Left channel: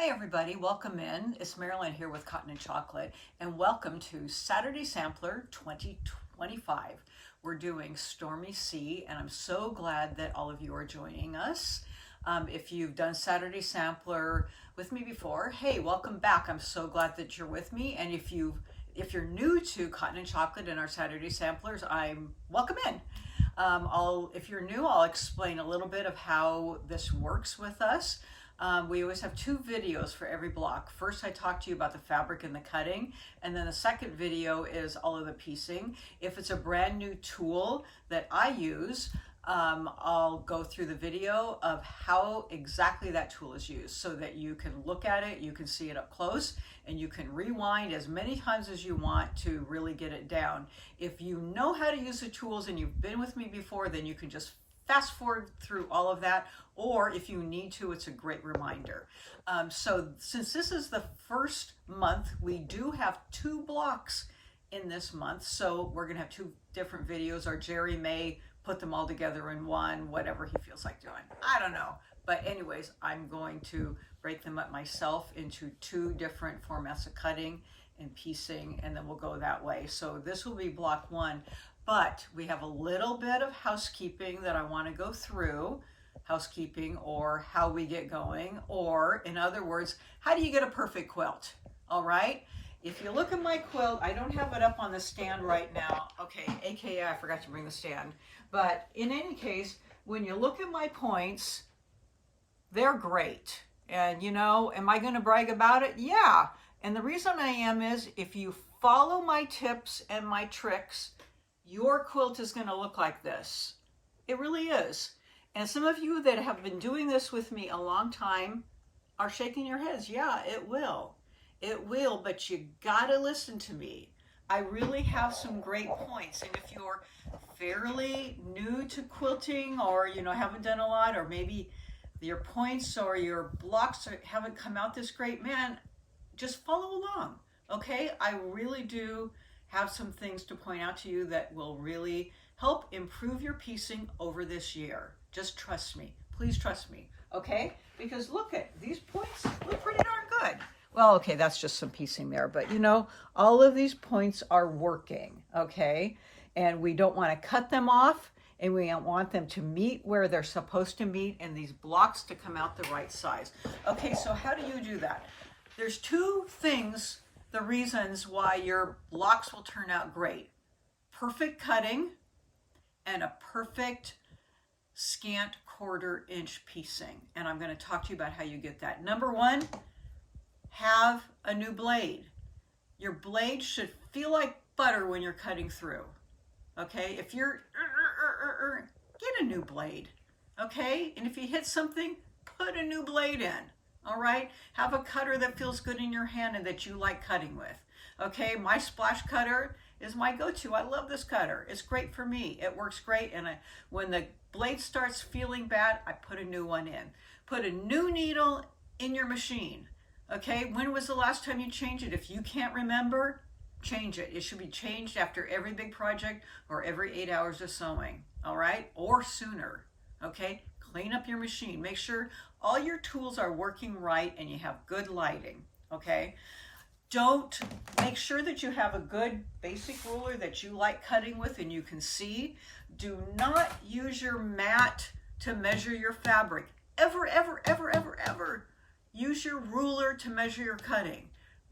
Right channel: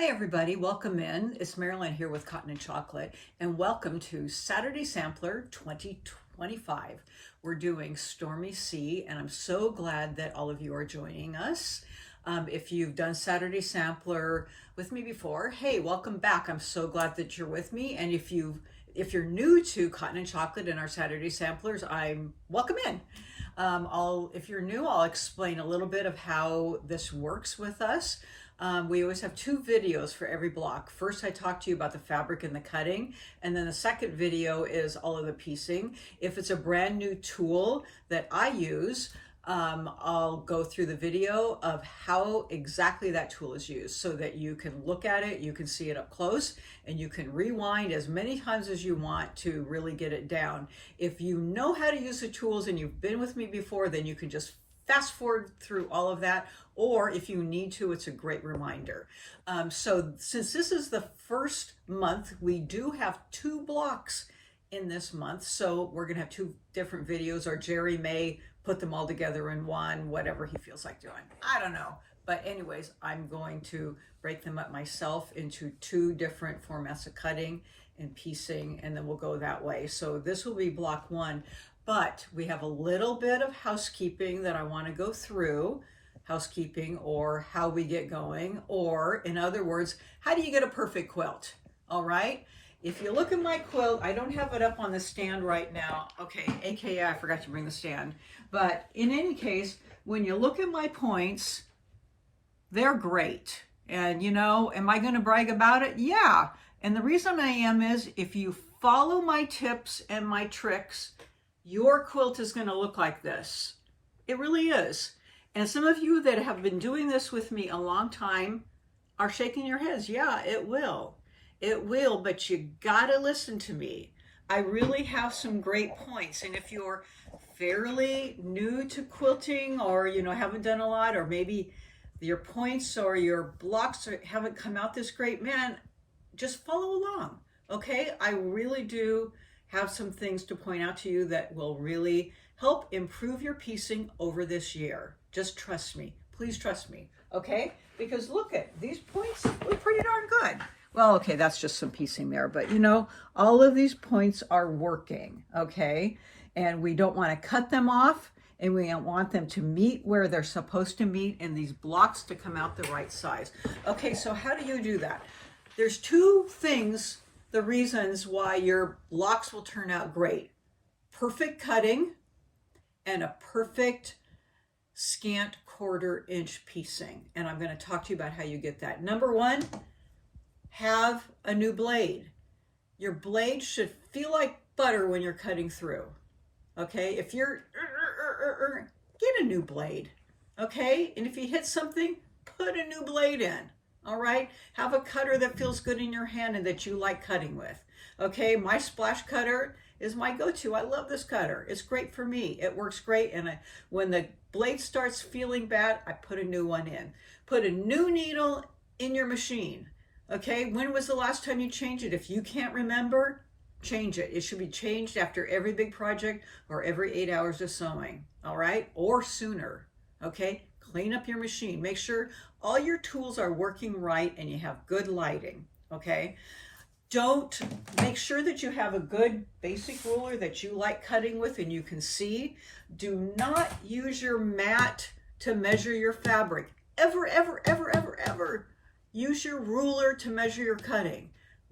Hi everybody, welcome in. It's Marilyn here with Cotton and Chocolate, and welcome to Saturday Sampler 2025. We're doing Stormy C, and I'm so glad that all of you are joining us. If you've done Saturday Sampler with me before, hey, welcome back. I'm so glad that you're with me. And if you're new to Cotton and Chocolate and our Saturday Samplers, I'm welcome in. If you're new, I'll explain a little bit of how this works with us. We always have two videos for every block. First, I talk to you about the fabric and the cutting, and then the second video is all of the piecing. If it's a brand new tool that I use, I'll go through the video of how exactly that tool is used so that you can look at it, you can see it up close, and you can rewind as many times as you want to really get it down. If you know how to use the tools and you've been with me before, then you can just fast forward through all of that, or if you need to, it's a great reminder. So since this is the first month, we do have two blocks in this month, so we're gonna have two different videos, or Jerry may put them all together in one, whatever he feels like doing. I don't know. But anyways, I'm going to break them up myself into two different formats of cutting and piecing, and then we'll go that way. So this will be block one, but we have a little bit of housekeeping that I want to go through. Housekeeping, or how we get going, or in other words, how do you get a perfect quilt? All right. If you look at my quilt, I don't have it up on the stand right now. Okay, AKA I forgot to bring the stand. But in any case, when you look at my points, they're great. And you know, am I going to brag about it? Yeah. And the reason I am is if you follow my tips and my tricks, your quilt is going to look like this. It really is. And some of you that have been doing this with me a long time are shaking your heads. Yeah, it will. It will, but you gotta listen to me. I really have some great points. And if you're fairly new to quilting, or you know, haven't done a lot, or maybe your points or your blocks haven't come out this great, man, just follow along. Okay, I really do have some things to point out to you that will really help improve your piecing over this year. Just trust me. Please trust me. Okay? Because look at these points look pretty darn good. Well, okay, that's just some piecing there, but you know, all of these points are working, okay? And we don't want to cut them off, and we want them to meet where they're supposed to meet, and these blocks to come out the right size. Okay, so how do you do that? There's two things, the reasons why your blocks will turn out great. Perfect cutting and a perfect scant 1/4 inch piecing. And I'm going to talk to you about how you get that. Number one, have a new blade. Your blade should feel like butter when you're cutting through. Okay, if you're get a new blade. Okay, and if you hit something, put a new blade in. All right, have a cutter that feels good in your hand and that you like cutting with. Okay, my splash cutter is my go-to. I love this cutter. It's great for me. It works great. And when the blade starts feeling bad, I put a new one in. Put a new needle in your machine. Okay, when was the last time you changed it? If you can't remember, change it. It should be changed after every big project or every 8 hours of sewing. All right, or sooner. Okay, clean up your machine. Make sure all your tools are working right and you have good lighting. Okay. Make sure that you have a good basic ruler that you like cutting with and you can see. Do not use your mat to measure your fabric. Ever, ever, ever, ever, ever. Use your ruler to measure your cutting.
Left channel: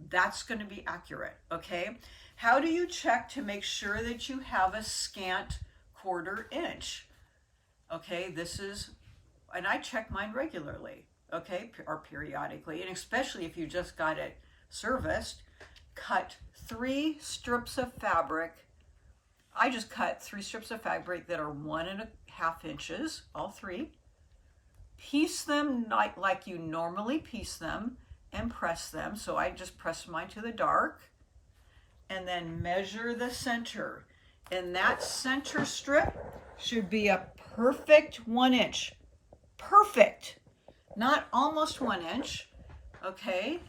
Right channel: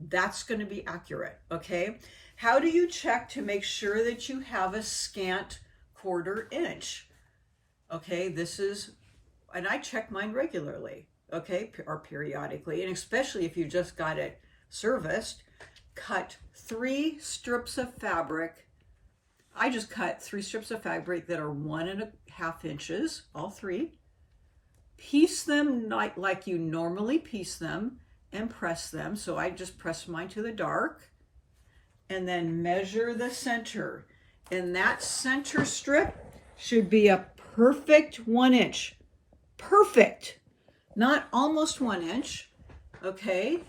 That's going to be accurate, okay? How do you check to make sure that you have a scant 1/4 inch? Okay, and I check mine regularly, okay, or periodically, and especially if you just got it serviced. Cut 3 strips of fabric. I just cut 3 strips of fabric that are 1.5 inches, all 3. Piece them like you normally piece them and press them. So I just press mine to the dark, and then measure the center. And that center strip should be a perfect 1 inch. Perfect, not almost 1 inch, okay?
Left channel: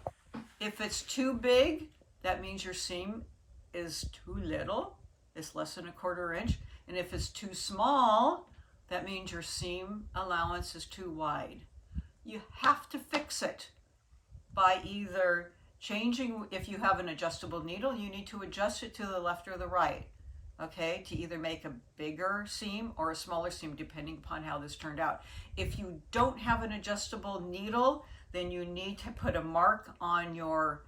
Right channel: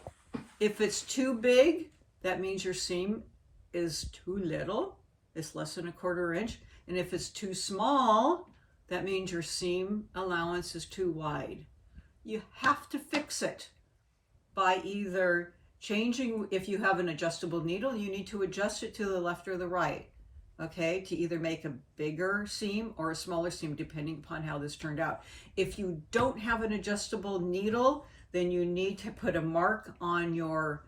If it's too big, that means your seam is too little. It's less than a 1/4 inch. And if it's too small, that means your seam allowance is too wide. You have to fix it. by either changing, if you have an adjustable needle, you need to adjust it to the left or the right, okay, to either make a bigger seam or a smaller seam, depending upon how this turned out. If you don't have an adjustable needle, then you need to put a mark on your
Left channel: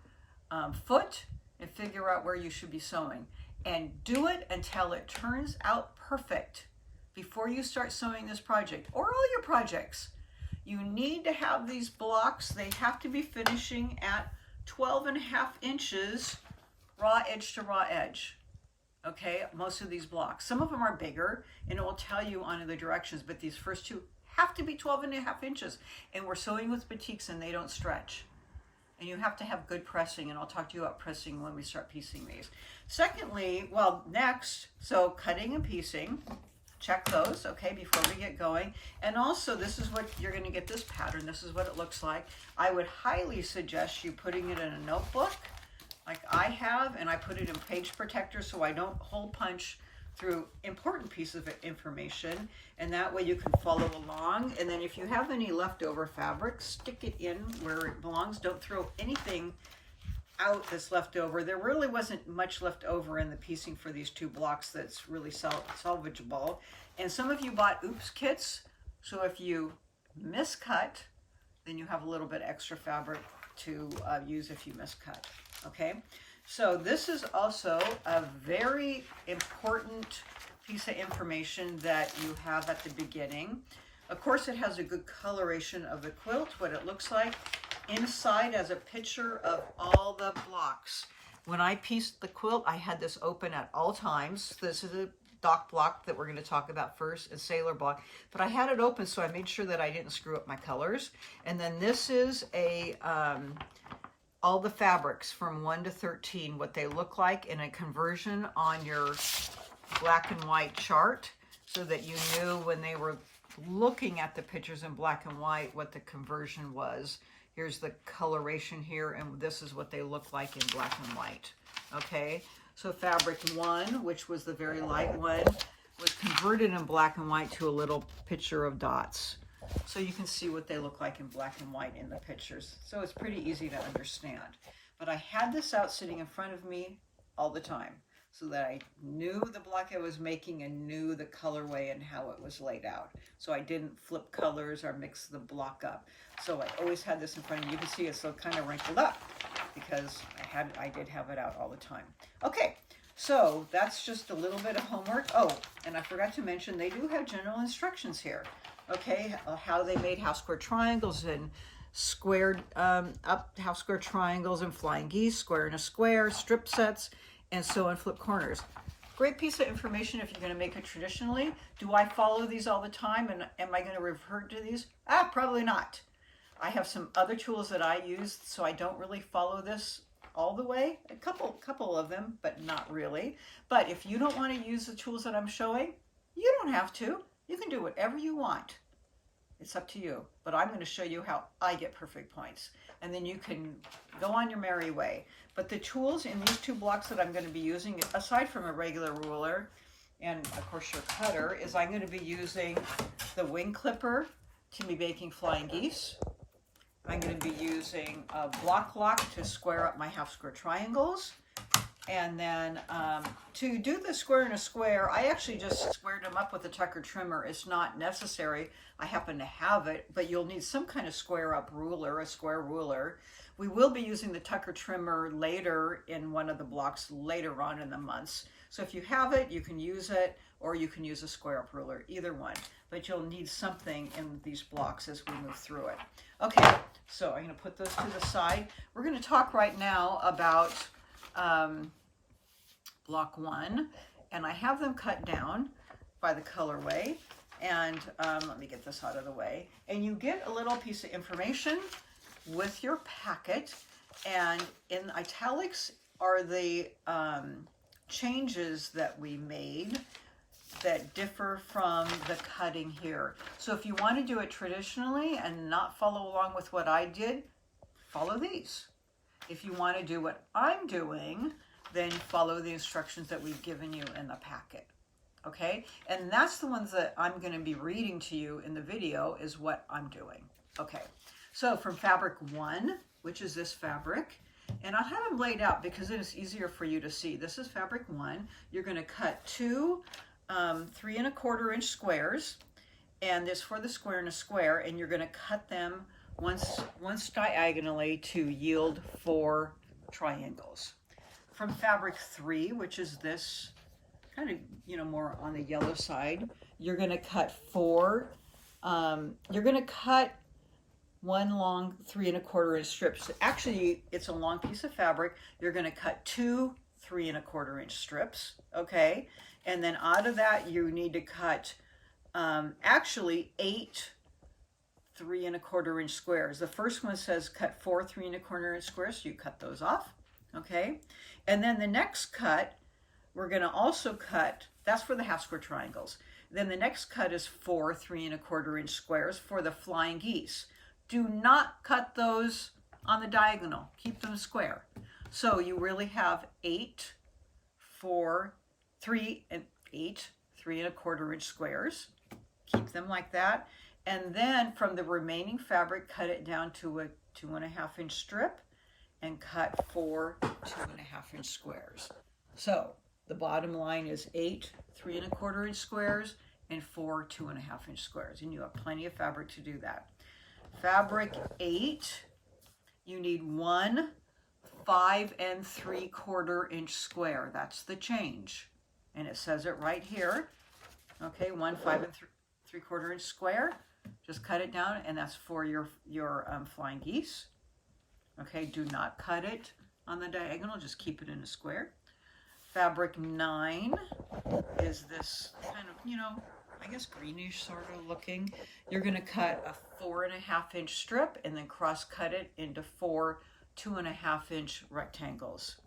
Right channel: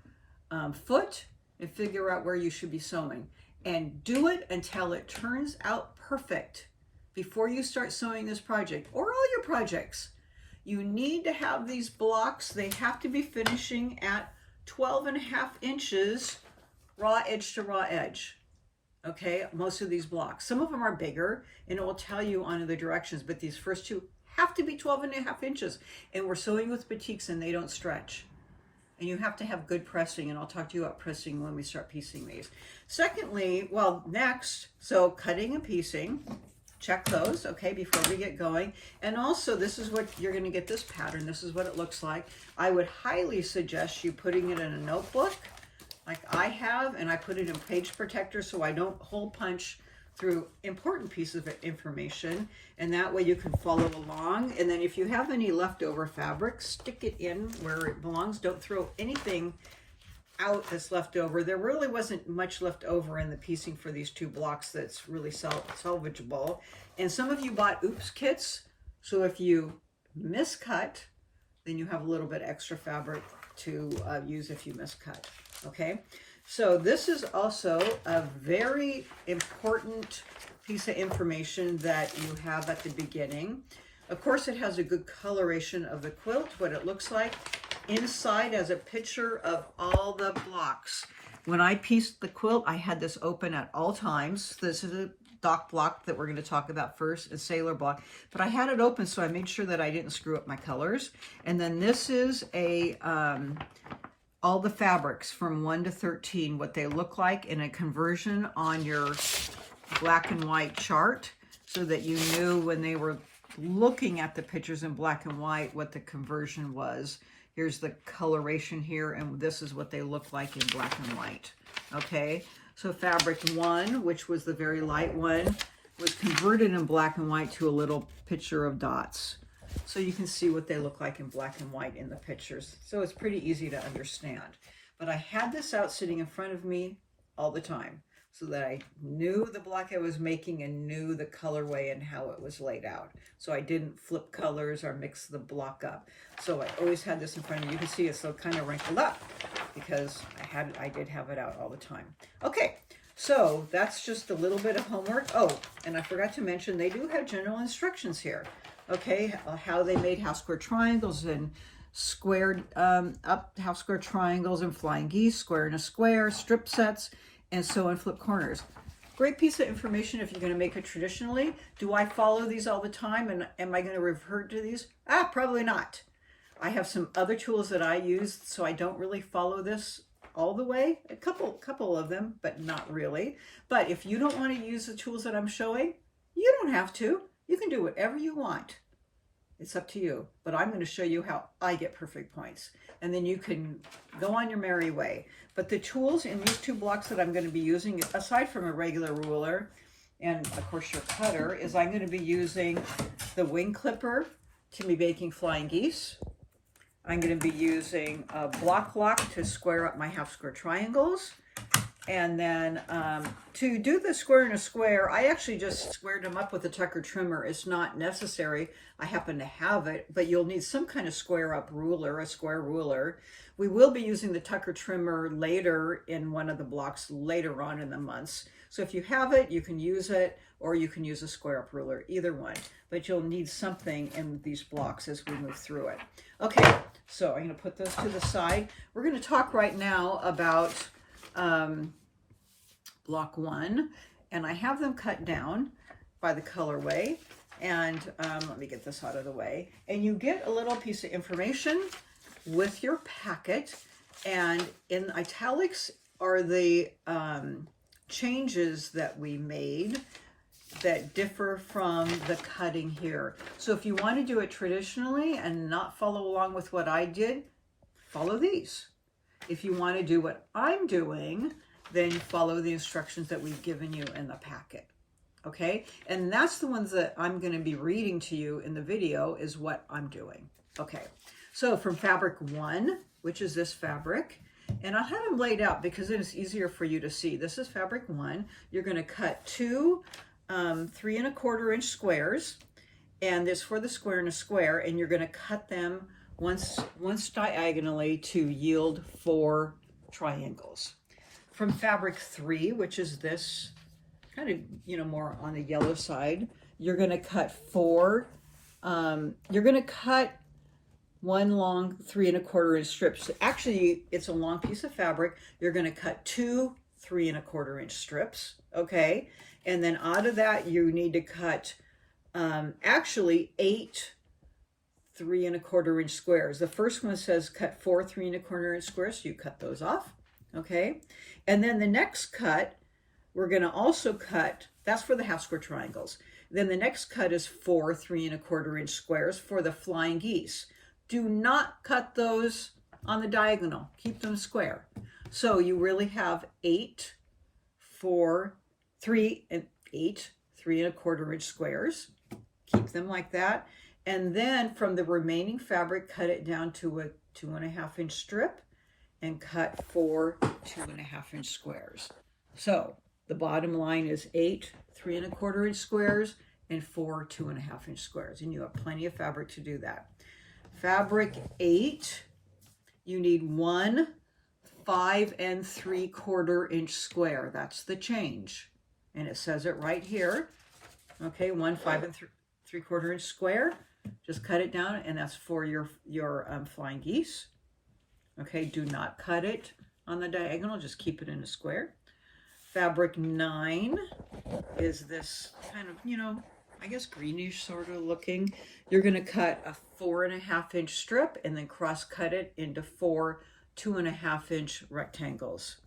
foot and figure out where you should be sewing. And do it until it turns out perfect before you start sewing this project or all your projects. You need to have these blocks. They have to be finishing at 12.5 inches raw edge to raw edge. Okay, most of these blocks. Some of them are bigger and it will tell you on the directions, but these first two have to be 12.5 inches. And we're sewing with batiks and they don't stretch. And you have to have good pressing, and I'll talk to you about pressing when we start piecing these. Secondly, well, next, so cutting and piecing, check those, okay, before we get going. And also, this is what you're going to get this pattern. This is what it looks like. I would highly suggest you putting it in a notebook like I have, and I put it in page protector so I don't hole punch through important pieces of information, and that way you can follow along. And then if you have any leftover fabric, stick it in where it belongs. Don't throw anything out that's left over. There really wasn't much left over in the piecing for these two blocks that's really salvageable. And some of you bought oops kits, so if you miscut, then you have a little bit extra fabric to use if you miscut. Okay, so this is also a very important piece of information that you have at the beginning. Of course, it has a good coloration of the quilt, what it looks like. Inside as a picture of all the blocks. When I pieced the quilt, I had this open at all times. This is a dock block that we're going to talk about first, a sailor block. But I had it open so I made sure that I didn't screw up my colors. And then this is a all the fabrics from 1 to 13, what they look like in a conversion on your black and white chart, so that you knew when they were looking at the pictures in black and white what the conversion was. Here's the coloration here, and this is what they look like in black and white. Okay, so fabric 1, which was the very light one, was converted in black and white to a little picture of dots. So you can see what they look like in black and white in the pictures. So it's pretty easy to understand. But I had this out sitting in front of me all the time so that I knew the block I was making and knew the colorway and how it was laid out. So I didn't flip colors or mix the block up. So I always had this in front of me. You can see it's so kind of wrinkled up because I did have it out all the time. Okay, so that's just a little bit of homework. Oh, and I forgot to mention they do have general instructions here. Okay, how they made half square triangles and squared up half square triangles and flying geese, square and a square, strip sets, and sew and flip corners. Great piece of information if you're going to make it traditionally. Do I follow these all the time, and am I going to revert to these? Probably not. I have some other tools that I use, so I don't really follow this all the way. A couple of them, but not really. But if you don't want to use the tools that I'm showing, you don't have to. You can do whatever you want. It's up to you. But I'm going to show you how I get perfect points. And then you can go on your merry way. But the tools in these two blocks that I'm going to be using, aside from a regular ruler and, of course, your cutter, is I'm going to be using the wing clipper to be making flying geese. I'm going to be using a block lock to square up my half square triangles. And then to do the square in a square, I actually just squared them up with a Tucker trimmer. It's not necessary. I happen to have it, but you'll need some kind of square up ruler, a square ruler. We will be using the Tucker trimmer later in one of the blocks later on in the months. So if you have it, you can use it, or you can use a square up ruler, either one. But you'll need something in these blocks as we move through it. Okay, so I'm going to put those to the side. We're going to talk right now about block 1, and I have them cut down by the colorway. And let me get this out of the way. And you get a little piece of information with your packet, and in italics are the changes that we made that differ from the cutting here. So if you want to do it traditionally and not follow along with what I did, follow these. If you want to do what I'm doing, then follow the instructions that we've given you in the packet. Okay? And that's the ones that I'm going to be reading to you in the video is what I'm doing. Okay. So from fabric 1, which is this fabric. And I'll have them laid out because then it's easier for you to see. This is fabric 1. You're going to cut 2 3 1/4 inch squares, and this for the square and a square, and you're going to cut them once diagonally to yield 4 triangles. From fabric 3, which is this kind of, you know, more on the yellow side, you're going to cut 4. You're going to cut 1 long 3 1/4 inch strips. Actually, it's a long piece of fabric. You're going to cut 2 3 1/4 inch strips, okay? And then out of that, you need to cut actually 8 3 1/4 inch squares. The first one says cut 4 3 1/4 inch squares, so you cut those off, okay? And then the next cut, we're going to also cut, that's for the half square triangles. Then the next cut is 4 3 1/4 inch squares for the flying geese. Do not cut those on the diagonal. Keep them square. So you really have 8 3 1/4 inch squares. Keep them like that. And then from the remaining fabric, cut it down to a 2 1/2 inch strip and cut 4 2 1/2 inch squares. So the bottom line is 8 3 1/4 inch squares and 4 2 1/2 inch squares. And you have plenty of fabric to do that. Fabric 8, you need 1 5 3/4 inch square. That's the change. And it says it right here. Okay, 1 5 3/4 inch square. Just cut it down, and that's for your flying geese. Okay, do not cut it on the diagonal. Just keep it in a square. Fabric 9 is this kind of, you know, I guess greenish sort of looking. You're going to cut a 4 1/2 inch strip and then cross cut it into 4 2 1/2 inch rectangles.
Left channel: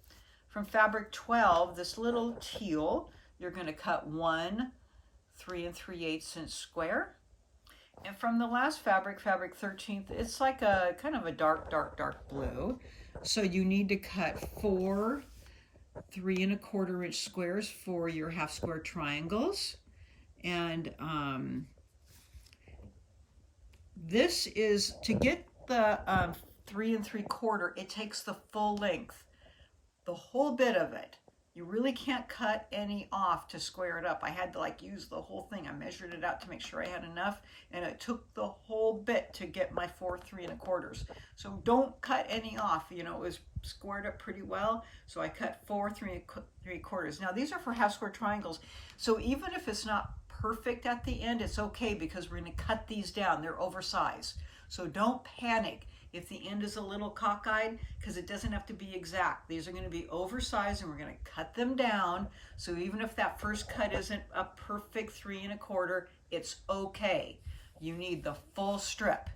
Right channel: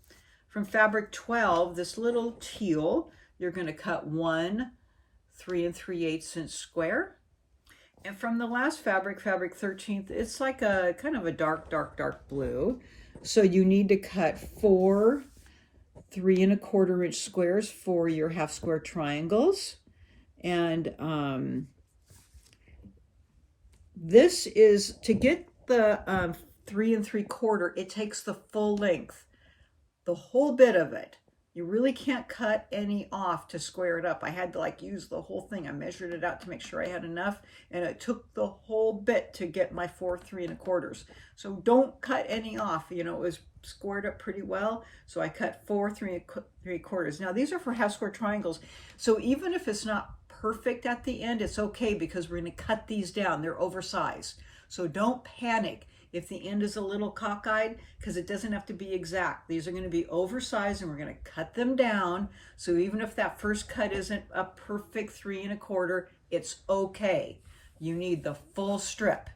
From fabric 12, this little teal, you're going to cut 1 3 3/8 inch square. And from the last fabric, fabric 13, it's like a kind of a dark blue. So you need to cut 4 3 1/4 inch squares for your half square triangles. And this is, to get the 3 3/4, it takes the full length, the whole bit of it. You really can't cut any off to square it up. I had to like use the whole thing. I measured it out to make sure I had enough, and it took the whole bit to get my 4 3 1/4. So don't cut any off. You know, it was squared up pretty well. So I cut 4 3 3/4. Now these are for half square triangles. So even if it's not perfect at the end, it's okay because we're going to cut these down. They're oversized. So don't panic if the end is a little cockeyed, because it doesn't have to be exact. These are going to be oversized, and we're going to cut them down. So even if that first cut isn't a perfect 3 1/4, it's okay. You need the full strip,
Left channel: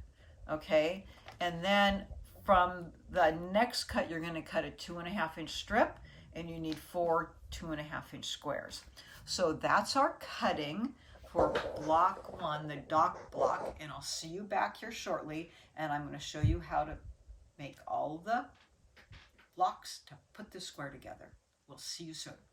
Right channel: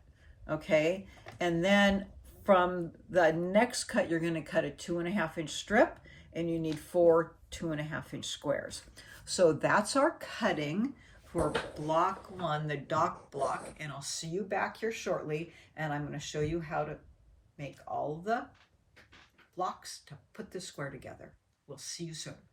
okay? And then from the next cut, you're going to cut a 2 1/2 inch strip, and you need 4 2 1/2 inch squares. So that's our cutting for block 1, the dock block, and I'll see you back here shortly, and I'm going to show you how to make all the blocks to put this square together. We'll see you soon.